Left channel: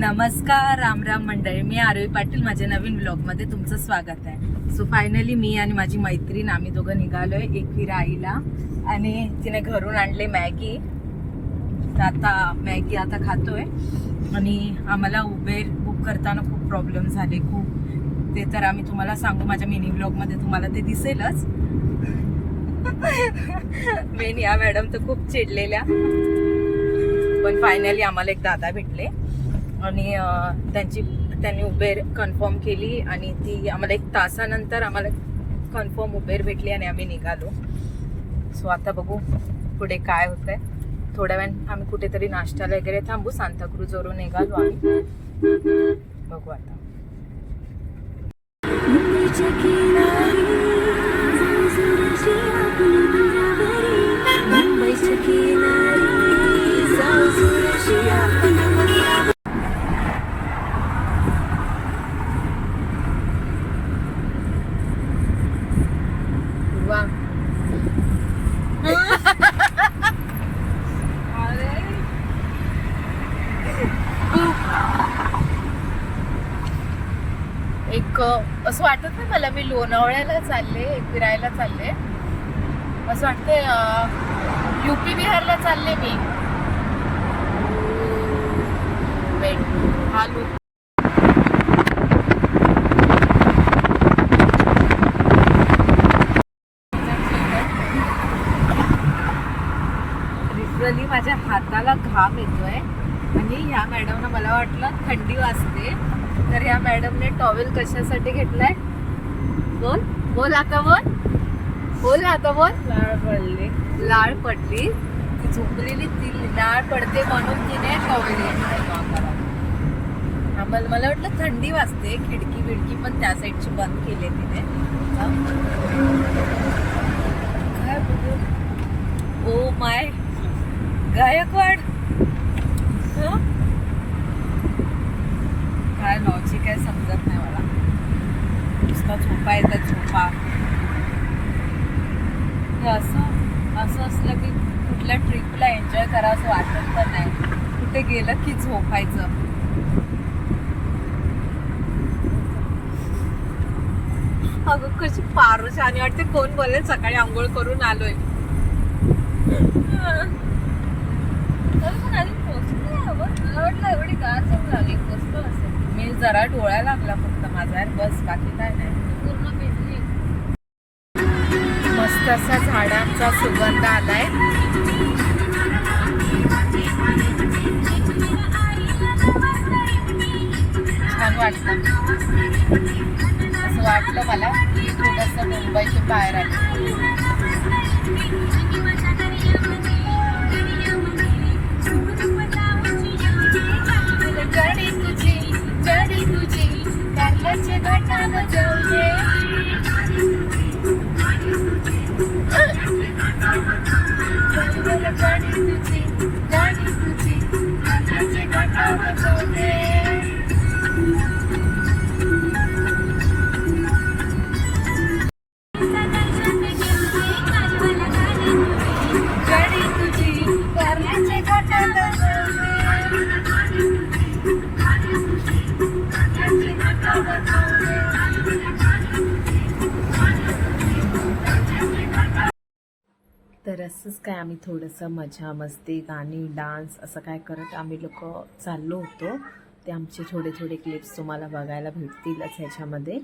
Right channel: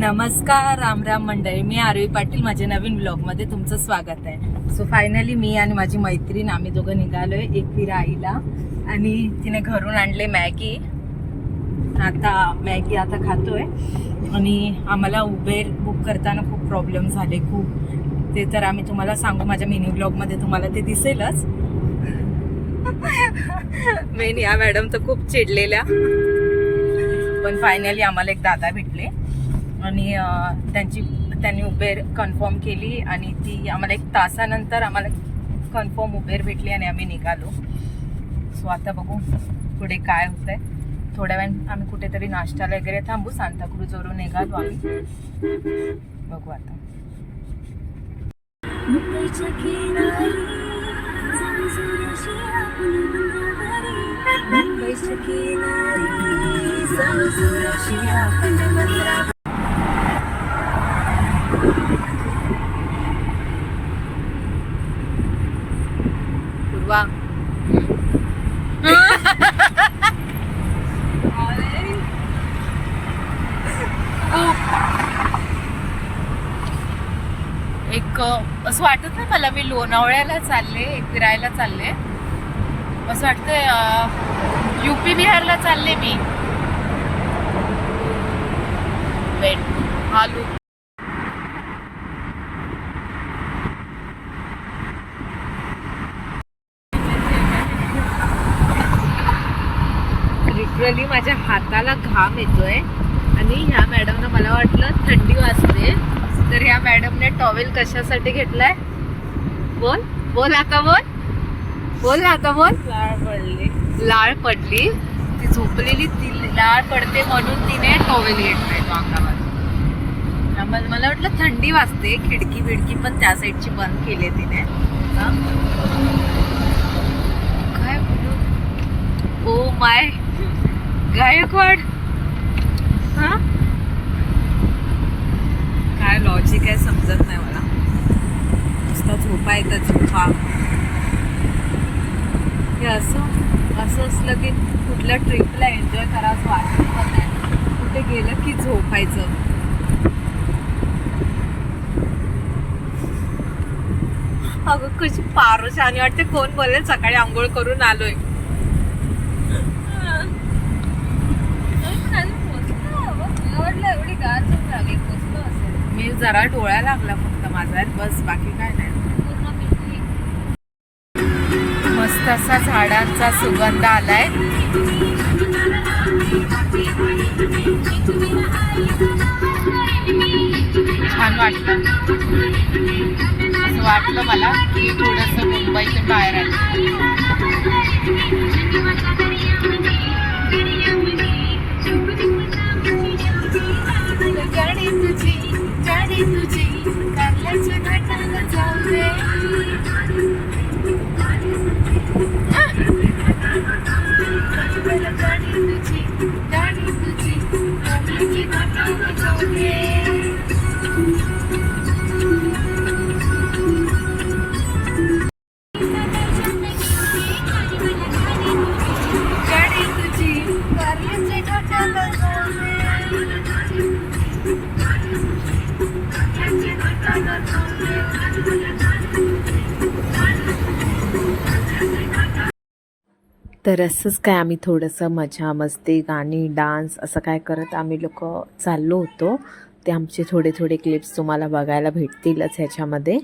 नमस्कार, राम राम मंडळी. मी आरवी पाटील. माझ्या नवीन ब्लॉगमध्ये तुमचं स्वागत आहे. सो फायनली मी आणि माझी मैत्रीण आम्ही दोघं निघालोय एकविरा आईला, आणि तिने घरून आणले मॅगी. तर आता मॅगी खातोय. आणि आम्हाला उबेर बुक करताना खूप प्रॉब्लेम झाले, खूप. ते तर आम्ही तुम्हाला सांगू, माझ्या मिनी ब्लॉगमध्ये तुम्हाला ते दिसेलच. मेन या मॅडम तर खूप चिडलेल्या, पण फायनली आम्हाला एक दादा भेटले आणि त्यांनी उबेर कन्फर्म केली आणि ती आम्हाला 1 तासानंतर आम्हाला कन्फर्म उबेर भेटली आणि आम्ही निघालो. सो आता बघू पुढे काय होतंय. थोड्या वेळ आम्ही कुठेतरी नाश्त्याला वगैरे थांबू. सांताक्रूजवरून निघालो आम्ही. बघू आता. पूर्वा एक असं वाटत नाही मला मी लोणावळ्याला चालले, फिरायला चालले. असं वाटतंय यूपी बिहारला चालले मी. वेट हा लूक लिटरली माझ्या हाताला घाम येतोय. आणि ह्या मॅडमनं मला वाटलं थंडी वाजते, तर ह्या मॅडमने टॉवेल कशासाठी घेतलाय? बोल बोल आता बोल बोल आता बोल. लाळ पडली. ती झोपलेली, ती लाळ पडते म्हणून तिने टॉवेल घेतलाय तो अंगावर. मला वाटलं थंडी वाजते. खिडकी बिडकी पण त्या साईडची बंद केली तिने. काय बोलू. Oh my Gaikwad. हा काय लॉजिक आहे समजत नाही मला. नुसतं झोपा येतात, झोपा. हे असं असलं की कुठल्या ट्रिपला एन्जॉय करावं वाटत पण नाही. कुठे गेलं की झोपायचं. अगं कशी पारोशी आणि वाटते. कोण बोलेल सकाळी आंघोळ करून आलोय. एवढी गार झोप लागली, पोचलो असेल मी. जरा डोळ्या लागला फक्त माझा, बस, बाकी काय नाही. पूर्ण भिजली. मस्त असा झाडांचा सुगंध आलाय. छान वाटलं. असं वाटलं मला की थोडंसं मुंबईतून बाहेर आलं. गाडी तुझी कारल्याच्या घाटाला जाऊ दे. गाडी तुझी कारल्याच्या घाटाला जाऊ दे. गाडी तुझी कारल्याच्या घाटाला जाऊ दे. तर असंच काय आम्ही थोडंसं मजा मस्ती, गाणी, डान्स असं काय करत आम्ही लोक चाललो होतो. ते आमचे थोडे थोडे क्लिप्स तुम्हाला बघायला भेटतीलच ह्याच्यामध्ये.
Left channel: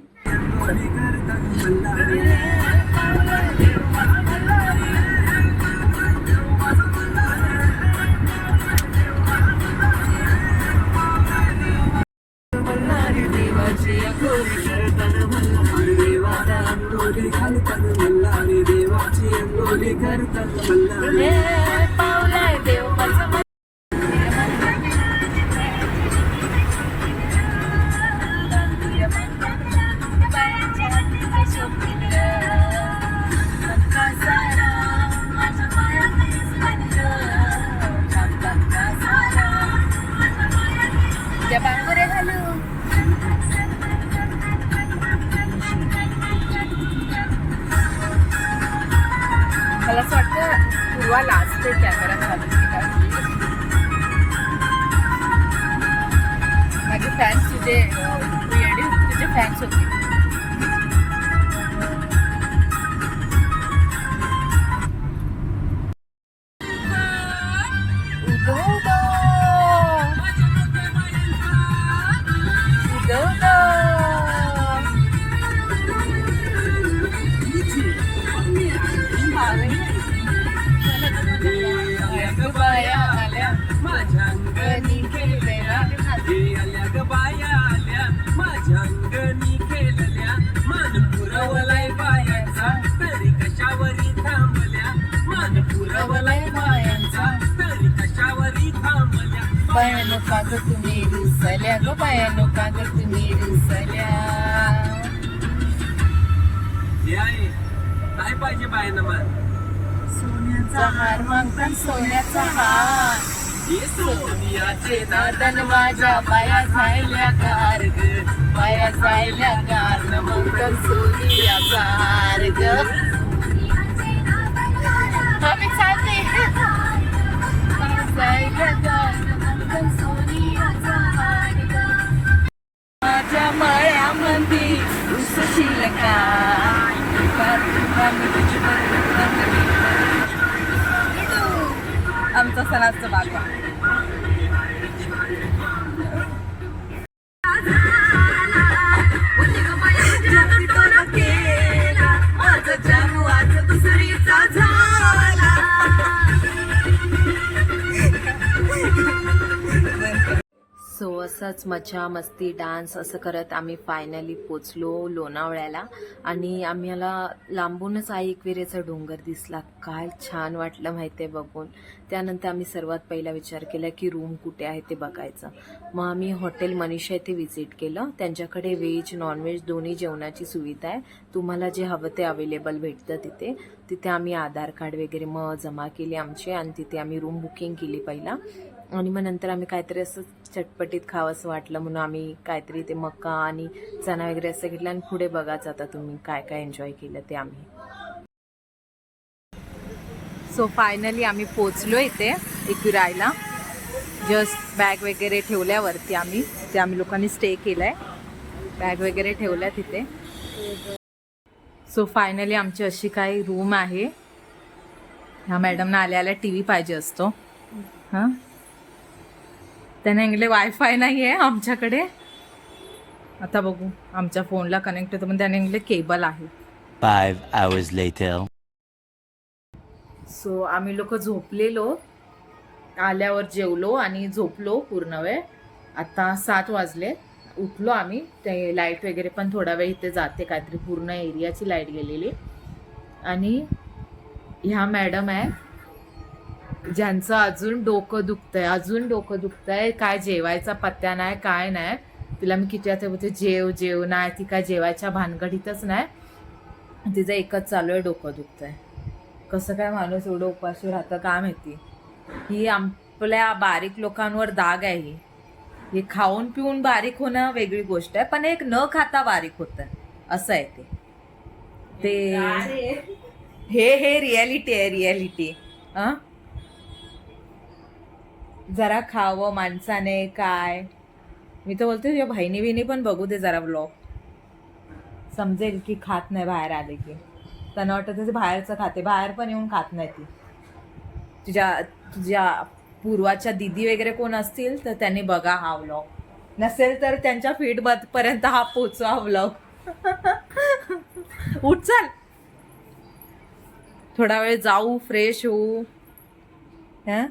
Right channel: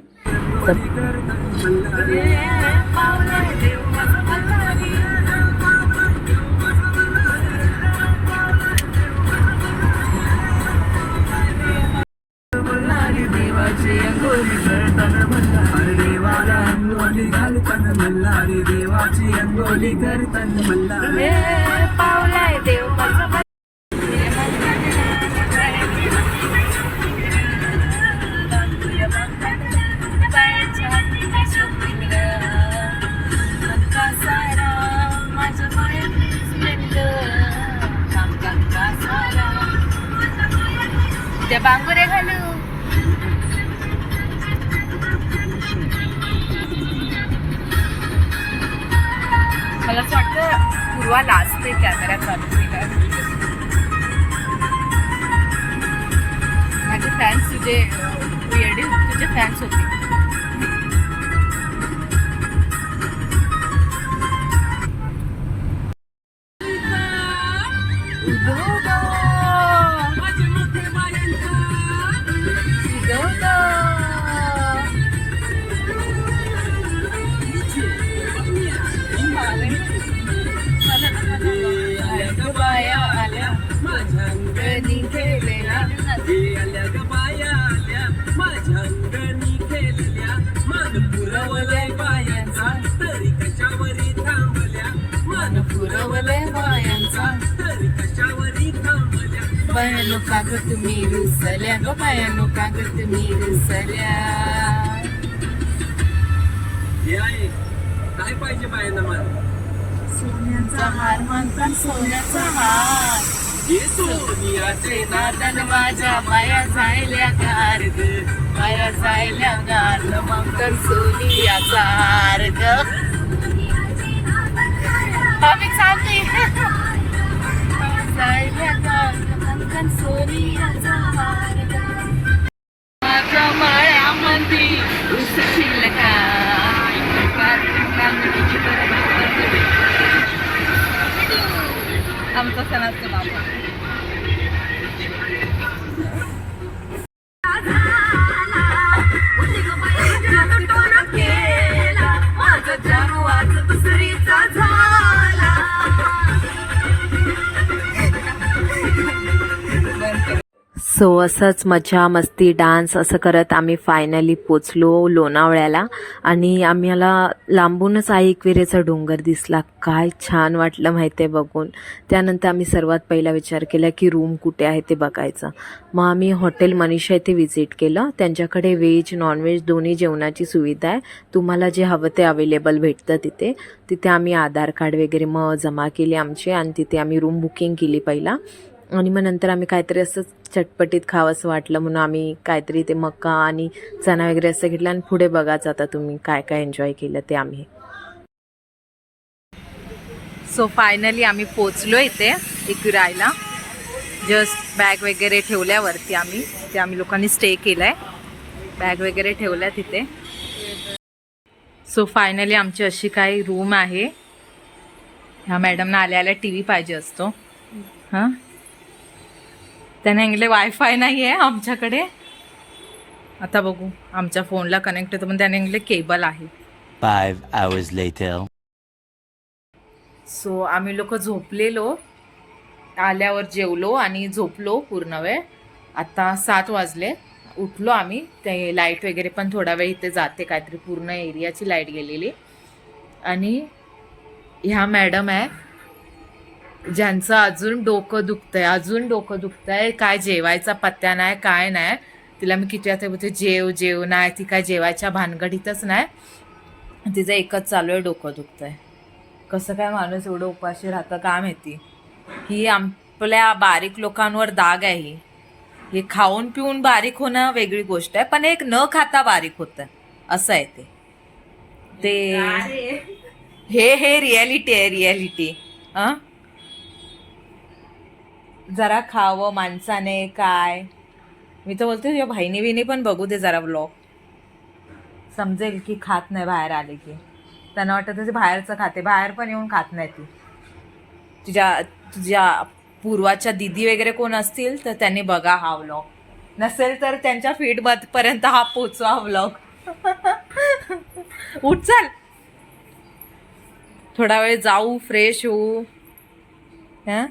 पावलाय देव माझं. त्या बांगोऱ्या घालू. मला असं वाटतं पूर्वा लाजते कॅमेरा चालू. तुझे येडी तुझे फॅन्स होते. बाया आल्या माझ्या अंगणी खेळलेल्या बाया आल्या माझ्या अंगणी खेळल्या मन पुरवलंय बायांचा तरी कशावरी थांबल्या मन पुरवलंय बायांचा तरी कशावरी थांबल्या बायानो काग तुम्ही रुसल्या ग बायानो काग तुम्ही रुसल्या. काय पाहिजे बायांना मला सोन्याचा हार मागता सोन्याचा हार सोनियाचे नादन माझ्या बाया जायल्या गार ग बाया जायल्या गार न मंगल सोनियाचा हार ग. आम्ही चालते जायल्या गार न मंगल सोनियाचा हार ग. माझ्या माळ्यामध्ये उसशील का आमचा सणाचा बाबा माझं जानू आज दुसरीचा झाला. सो असंच मजा मस्ती डान्स असं करत आम्ही फायनली पोचलो लोणावळ्याला. आणि आम्हाला लांबूनच आई एकविरेचा डोंगर दिसला. काय छान वाटलं माहिती आहे बघून. त्यानंतर आम्ही सर्वात पहिला विचार केला की रूम कुठे आहे ते बघायचं. मग आम्ही हॉटेल मनीषा इथे व्हिजिट केलं. त्यांच्याकडे व्हेज नॉनव्हेज दोन्ही जेवणाची सुविधा आहे. तुम्हाला जे हवं ते अवेलेबल भेटतं तिथे. तिथे आम्ही आधार कार्ड वगैरे मग जमा केले आमचे आणि तिथे आम्ही रूम बुकिंग केली पहिला. आणि मग नंतर आम्ही काहीतरी असं चटपटीत खावं असं वाटलं म्हणून आम्ही काहीतरी ते मका आणि चणा वगैरे असं घेतलं. आणि पुढे बघाच आता तुम्ही काय काय एन्जॉय केलं ते आम्ही. सो फायनली आम्ही पोचलो इथे एकविरायला. जस्ट बॅग वगैरे ठेवल्यावरती आम्ही लोकांनी स्टे केलाय. बॅग वगैरे ठेवल्या तिथे. सो फायनली आमची अशी काही रूम आहे. ह्या मॅडमना आल्या टी व्ही पाहिजे असतो. हां त्याने सांगितले वायफाय नाही आहे आमच्याकडे. आता बघू आमच्या फोनला कनेक्ट होतं पण त्याने सांगितले केबल आहे. 5 hours later. सो आम्ही लोक झोपलेलो. आल्यावर जेवलो आणि झोपलो पूर्ण वेळ. आता 7 वाजले. उठलो आम्ही. ते लाईट वगैरे पण थोडा वेळ इथे जाते काहीतरी पूर्ण एरियाची लाईट गेलेली. आणि ह्या मॅडम आहे ज्यांचं अजून डोकं दुखतंय. काय जेवायचा पत्त्या नाही काय नाही. तिला मी किती आता बोलते जेव नाही. ती काय जेवायच्या भानगडीतच नाही. तिचं एकच चालू आहे डोकं दुखतंय. कसं काय माणूस एवढं उपाशी राहतं काय माहिती. ही आपल्या बारीक लोकांवर दाग आहे. हे खाऊन पिऊन बारीक होणं वेगळी गोष्ट आहे पण एक न खाता बारीक होतं असं आहे ते. हे रियालिटी आहे रियालिटी. जरा खावं माणसाने काय. मी तर बोलते तुझ्या बहिणी बिनी पण बघू दे जरा व्लॉग. समजेल की खात नाही बाहेर आले की. त्यांना वाटतं ते बाहेरचं खाते. बाहेर पण येऊन खात नाही ती. तुझ्या पूर्वाच्या दिदी वगैरे कोण असतील तर त्यांनी बघा हा व्लॉग. नसेल तर त्यांच्या फीडपर्यंत हा पोचवा व्लॉग. उठ चल थोडा वेळ जाऊ फ्रेश होऊ. हां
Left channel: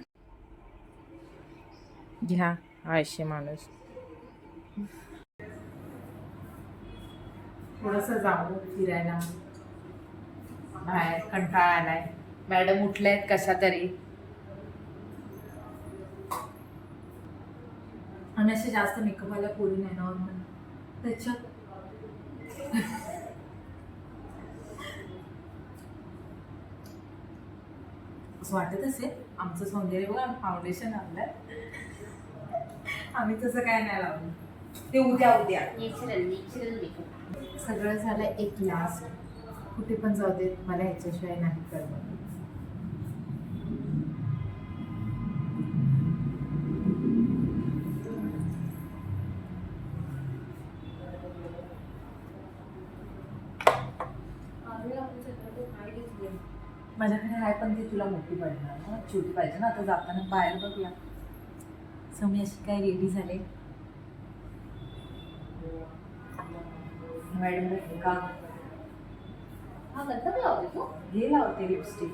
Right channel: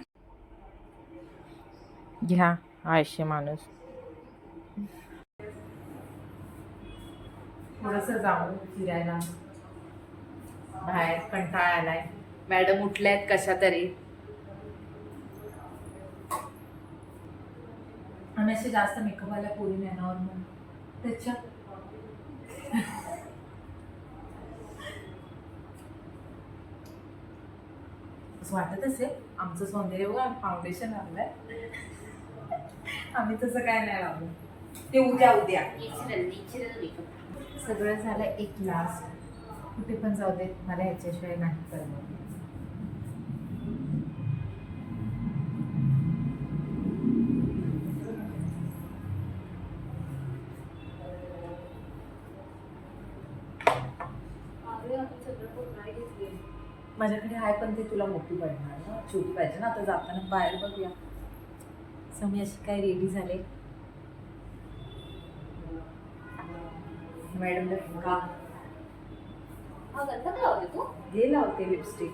घ्या आळशी माणूस. थोडंसं जाऊ फिरायला बाहेर. कंटाळा आलाय. मॅडम उठल्यात कशा तरी. आणि असे जास्त मेकअपवाल्या पोरी नाही नॉर्मल त्याच्या. असं वाटत असेल आमचं सौंदर्य बघा फाउंडेशन आणलंय. आम्ही तसं काय नाही लावलं. ते उद्या सगळं झालं. एक लास्ट कुठे पण जाऊ देत मला ह्याच्याशिवाय नाही करमत. माझ्याकडे आहे पण ती तुला मोठी पडणार ना, छोटी पाहिजे ना. आता जाताना बाहेर बघूया. समी अशी काय रेडी झाले. मॅडम का हे लावते लिपस्टिक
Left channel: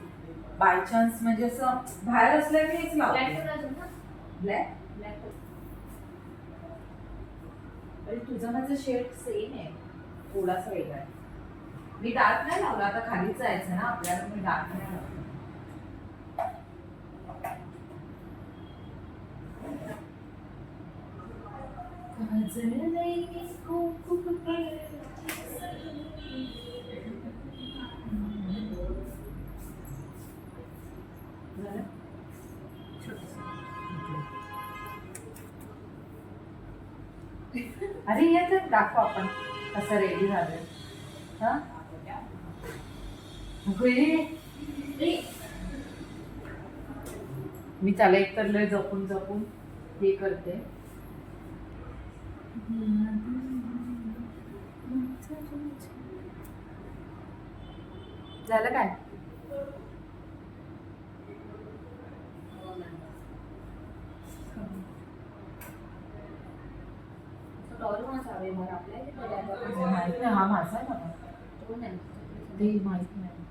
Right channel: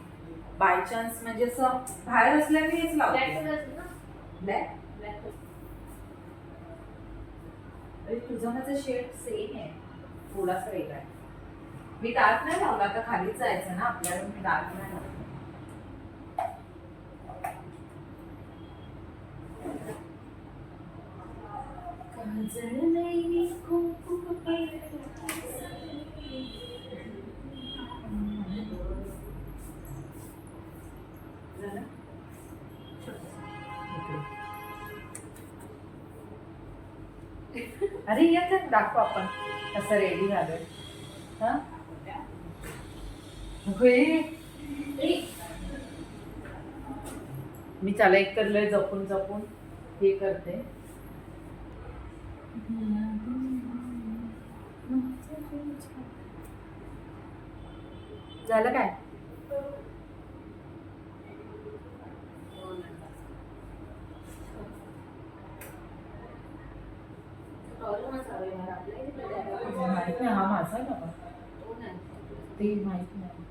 बाय चान्स, म्हणजे असं बाहेर असल्यावर हेच लावते. ब्लॅक तुझा माझा शेड सेम आहे, थोडासा वेगळा आहे. मी डार्क नाही लावला, आता खालीच जायचं ना आपल्याला, मी डार्क नाही लावला. अरे येत दाखव आपण कसं रेडी झालोय. हा मी त्याला एक तर लय जपून जपून हे करते. झालं काय? माहित नाही, हा माझा आहे ना ते माहित नाही.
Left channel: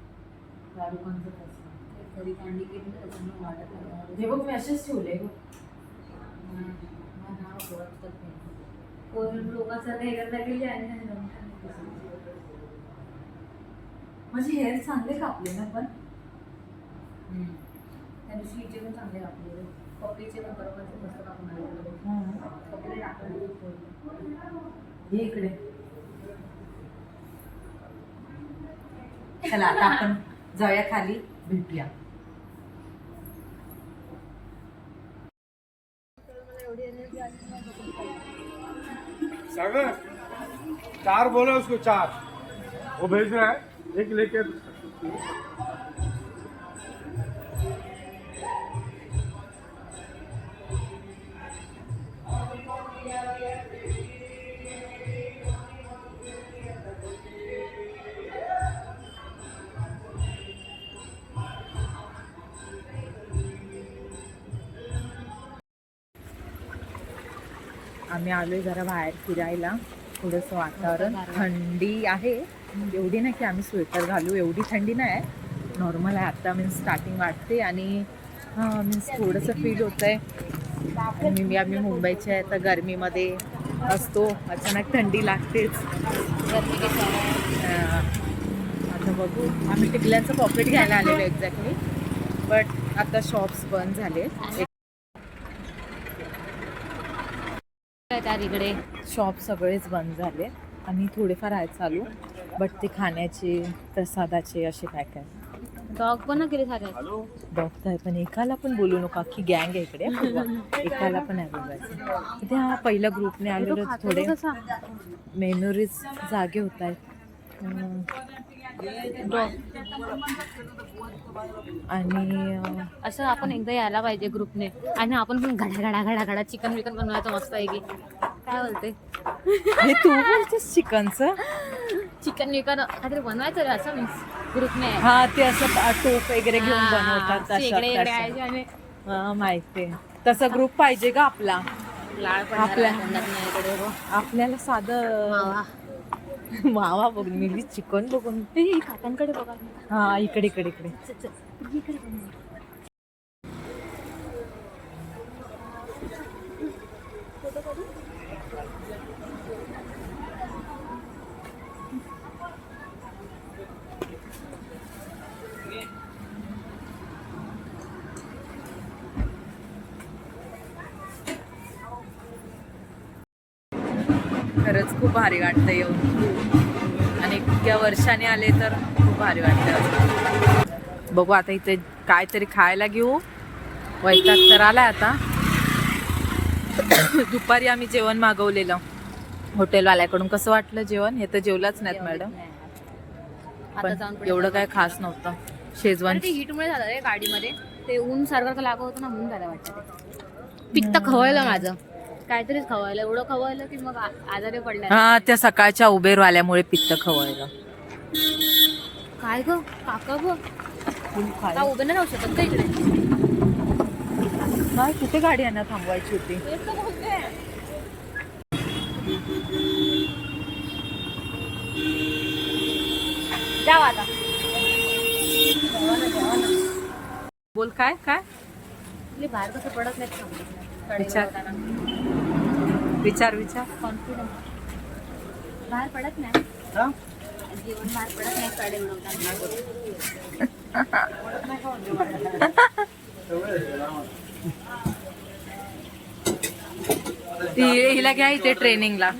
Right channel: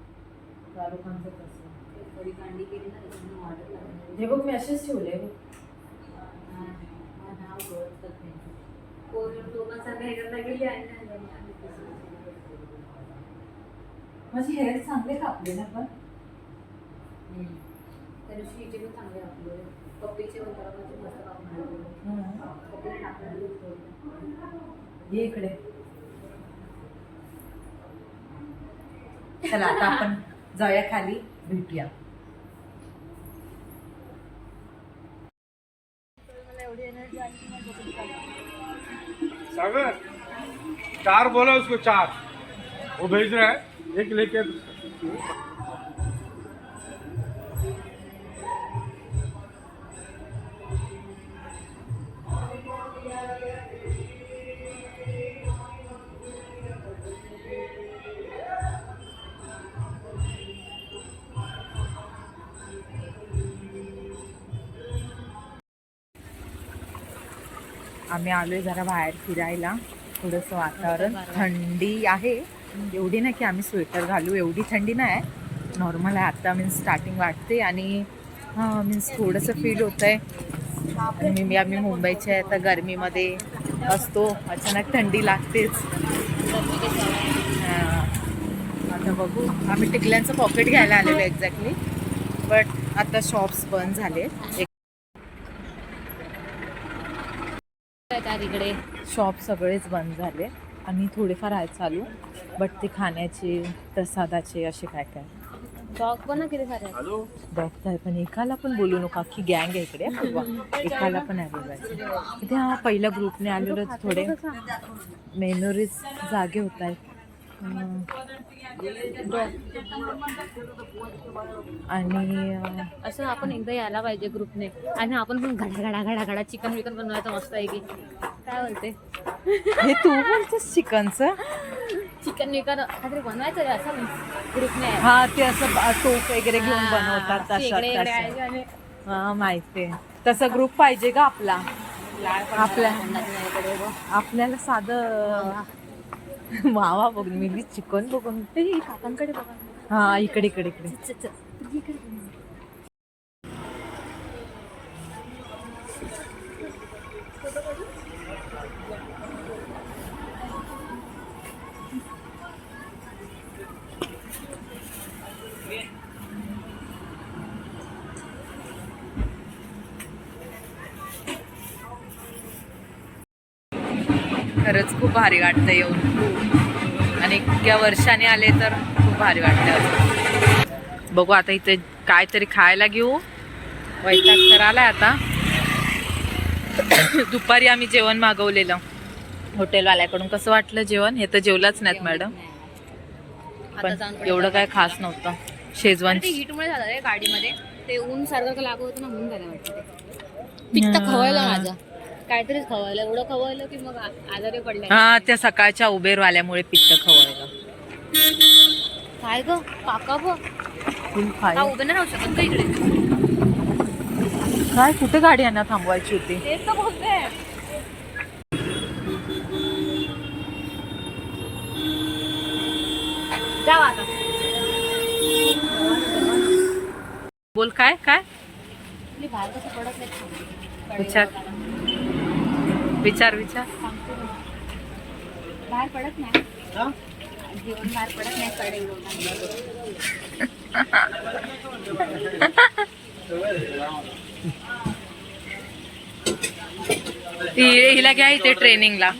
शाहरुखांचं कसं हे बघ मी असेच ठेवले. माझे हेअर चांगले कापले ना पण त्या दिवशी हिचे पण चांगले कापले, पप्पीचे पण बरोबर मस्त कापून पप्पीला टाकून हे इकडे. चला आता आपण जाऊया खाली, भेटूया. सागर 4 बोला उसको 4, वो भेज रहा है, एक लेके. आम्ही आलोय जरा बाहेर फिरायला. थोडंसं वातावरण थंडी आहे, एवढी नाही की आम्ही स्वेटर घालू, एवढी थंडी नाही, नॉर्मल आहे आता. मीन्स स्टार्टिंग वाटते आणि हां मीन्स थोडंसं फील होत आहे. आणि आम्ही मुंबईचे आहे, तर गरमीमध्ये असतो, अचानक थंडी लागतेच. आता बघू, आम्ही टिकल्यांचं पॉकेट घ्यायला आलेलो एक्झॅक्टली, बट आता शॉप्स बंद झाले. इकडे शॉप सगळेच बंद झाले आणि थोडेफार आहेत चालू, बट ते खाण्याचे प्रसादाचे असे काय काय. डॉग पण केले सारे. डॉग तर आहे पण एकाला पण बोलू नका, की गँग आहे इकडे. एकाला पण आलेलो आहे. त्या पहिल्या ग्रुपने आलेलो, थोडे मेमोरीज जागे होत आहेत. आणि असं आपण एकदा यायला पाहिजे ग्रुपने, आणि आपण पण घडा चिकन विकन बनवायचं मस्त आहे की काय बोलते. हे तू बोलतेस चिकनचं? चिकन विकन काहीतरी बनवायचं रे असं मीन्स ग्रुपने. हा ते असं टोप वगैरे घेऊन बनवतात तसं. हा माहिती आहे, तसा ग्रुप पाहिजे का आपला. आपल्याला साधं वावा बघून मी चिकन बघून काकांकडे बघा. हा इकडे इकडे इकडे. खरंच खूप भारी वाटतं येऊन, आणि इतक्या वर्षाने आले तर खूप भारी वाटतं. बघू आता इथे काहीतरी खायला घेऊ. वैताग तर आलाय आता. दुपारी आम्ही जेवण मागवलेलं हॉटेलवाल्याकडून. कसं वाटलं जेवण? हे तर जेवलाच नाहीत मॅडम, पण एवढं काय खास नव्हतं. शेजवान हीटमुळे झालं रे गाडीमध्ये, ते ऊन सर्व लागत होतं ना, म्हणून झालं वाटतं. ते पित्त खवळलं माझं, काहीतरीच खवळलं, एवढं खवळलं की मग आजारी पडलं. हा त्या सकाळच्या उबेरवाल्यामुळे पित्त खवळलं. काय ग काका बघ, फुल का फाय. उभे नाही राहू शकत का इकडे? काय कुठे गाडी यांना थांबवायची होती? तेच तर बोलते. जाऊ आता. बोल काय काय मी बाहेर कसं पडत नाही थांबते. विचार. विचार विचार. कॉन्फिडन्स बाहेर पडत नाही. जीवन बाहेर पडत नाही कडे उडवताना. हिला घ्या इथे ट्रेनिंगला.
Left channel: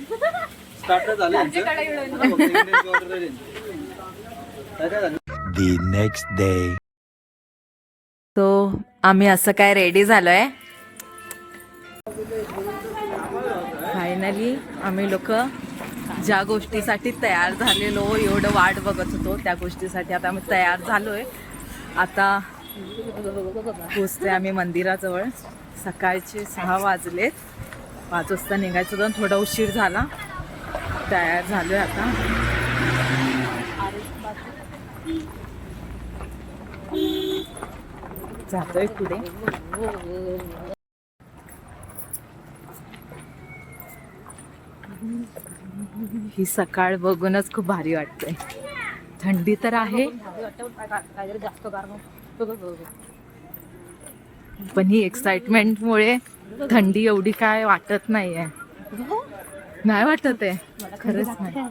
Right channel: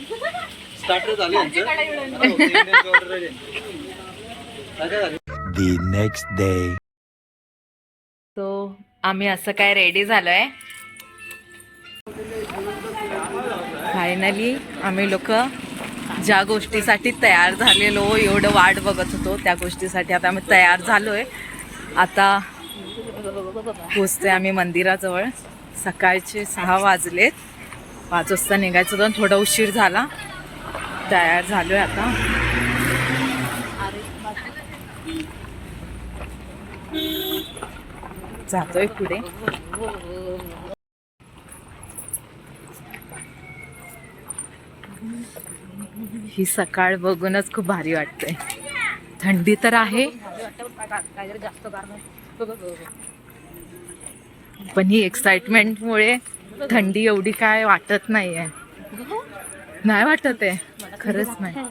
The next day. तो आम्ही असं काय रेडी झालोय. फायनली आम्ही लोक ज्या गोष्टीसाठी तयार झालेलो, एवढं वाट बघत होतो त्या गोष्टीसाठी आता आम्ही तयार झालोय. आता पोचतोय आम्ही मंदिराजवळ. सकाळचे 6 वाजलेत. 5 वाजता निघायचं होतं, थोडा उशीर झाला. तयार झालोय आता. जातोय पुढे. ही सकाळ बघूनच खूप भारी वाटतंय. थंडी तर आहे पण ही एक्साइटमेंटमुळे थंडी एवढी काय वाटत नाहीये. नाही वाटत आहे खरंच नाही.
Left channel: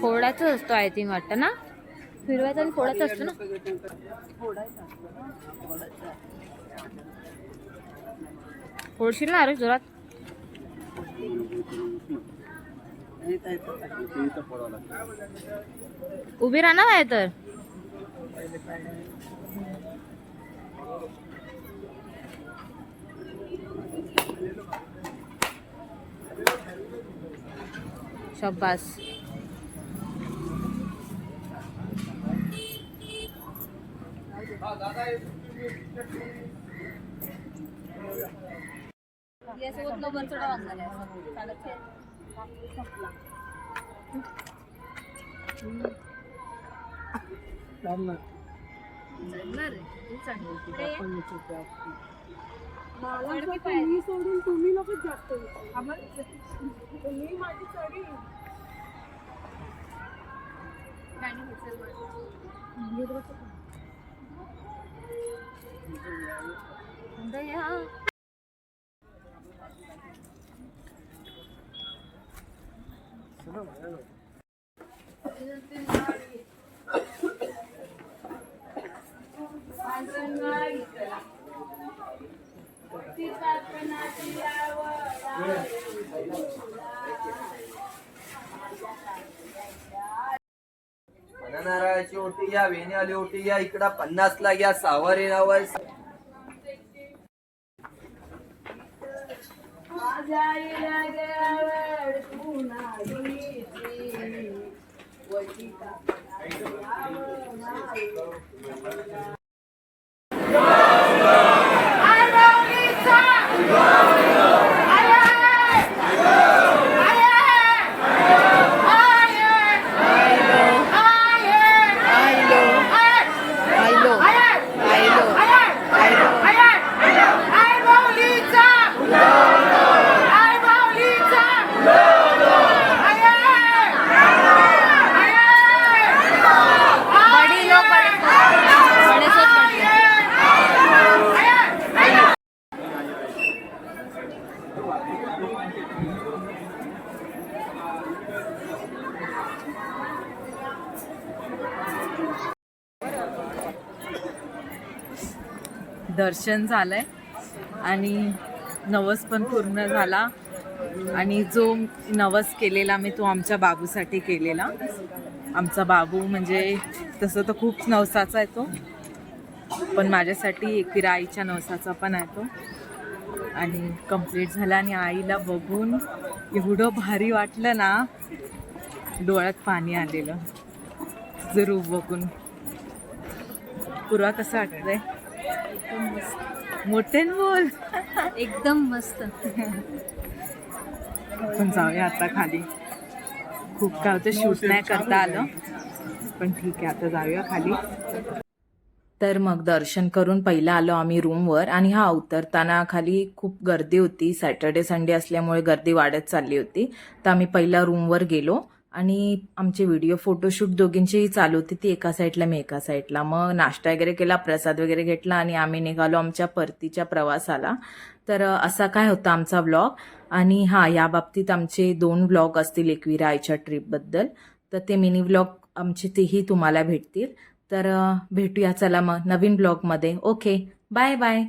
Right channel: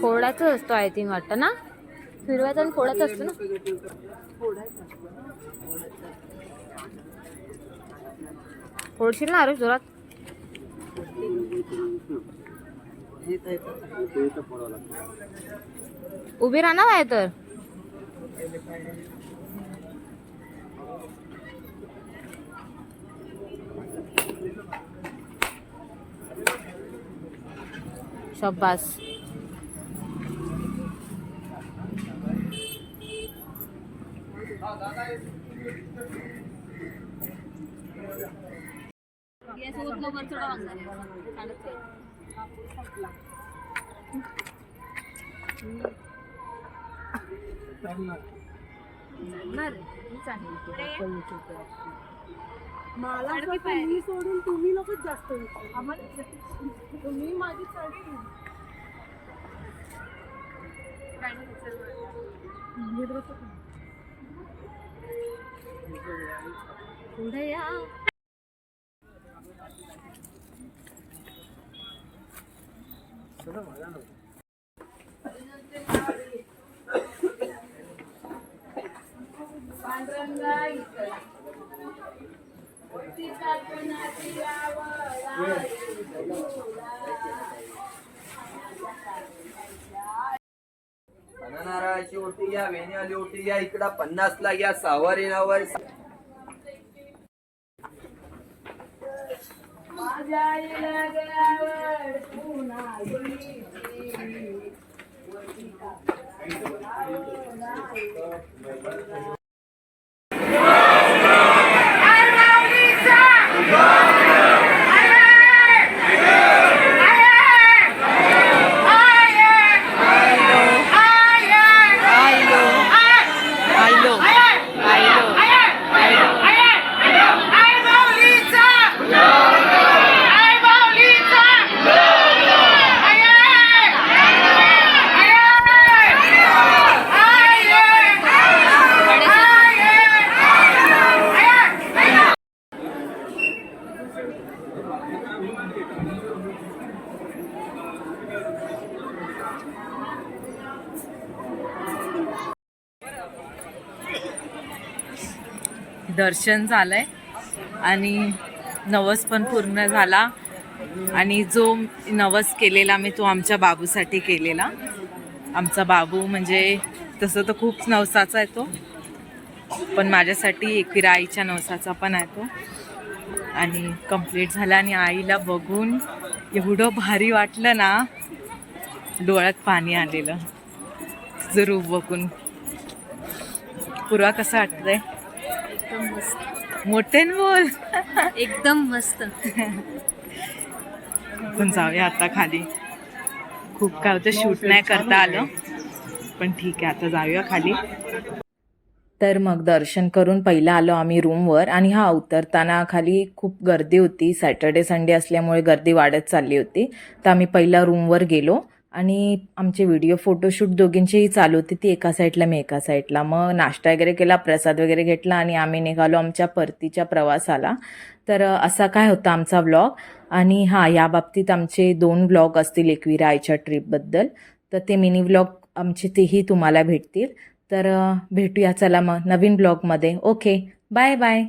फोडायचं असतो आय थिंक वाटतं ना. फिरवायचं आणि फोडायचं असतं ना. फोडशील ना आरुष जोरात. उभी राहणार आहे तर. शाबास. मी सोडून तुम्ही लोकच जास्त तुम्ही माझी साडी नारळाची ओटी घ्या, वेणीवाली ओटी घ्या. इकडं 50 ला घ्या. सावर यावर दर्शन झालंय आणि नवस पण पूर्ण झाला. आणि जो नवस केलेला मी तो आमच्या बाबूसाठी केलेला. आमचा बाबू म्हणजे तसं तर खूप नवसाचा आहे तो, पण माझ्यासाठी एकविरा आईच्या नवसाचा पण आहे तो. आणि कंप्लीट झाला आणि आईला बघून एवढं भारी वाटलं ना, डोळ्यात पाणी आलेलं तुझं रूप बघून. पूर्वा कसं वाटतंय? एकदम मस्त, मोठ्याने बोल. एकदम मस्त. पण जाऊया आता खाली. खूप काय होतं, शूट नाही करता आलं, पण ठीक आहे आता जाऊया खाली. तर मग दर्शन करून पहिला आलो आम्ही रूमवर. आणि हा उतरताना खाली खूप गर्दी होती, सॅटर्डे संडे असल्यामुळे गर्दी वाढत चालली होती. तर आम्ही पहिला रूमवर गेलो आणि आमचे व्हिडिओ फोटोशूट दोघींचीही चालू होती, ती एका साईडला मी एका साईडला. मग नाश्ता वगैरे केला, प्रसाद वगैरे घेतला आणि आम्ही निघालो आमच्या परतीच्या प्रवासाला. तर असा काय होता आमचा व्लॉग. आणि हां, या बाबतीत आमचे 2 व्लॉग असतील एकविरा आईच्या ट्रिपबद्दल, तर ते मिनी व्लॉग आमचे तेही तुम्हाला भेटतील. तर भेटूया चला मग नवीन ब्लॉगमध्ये. Okay, bye bye.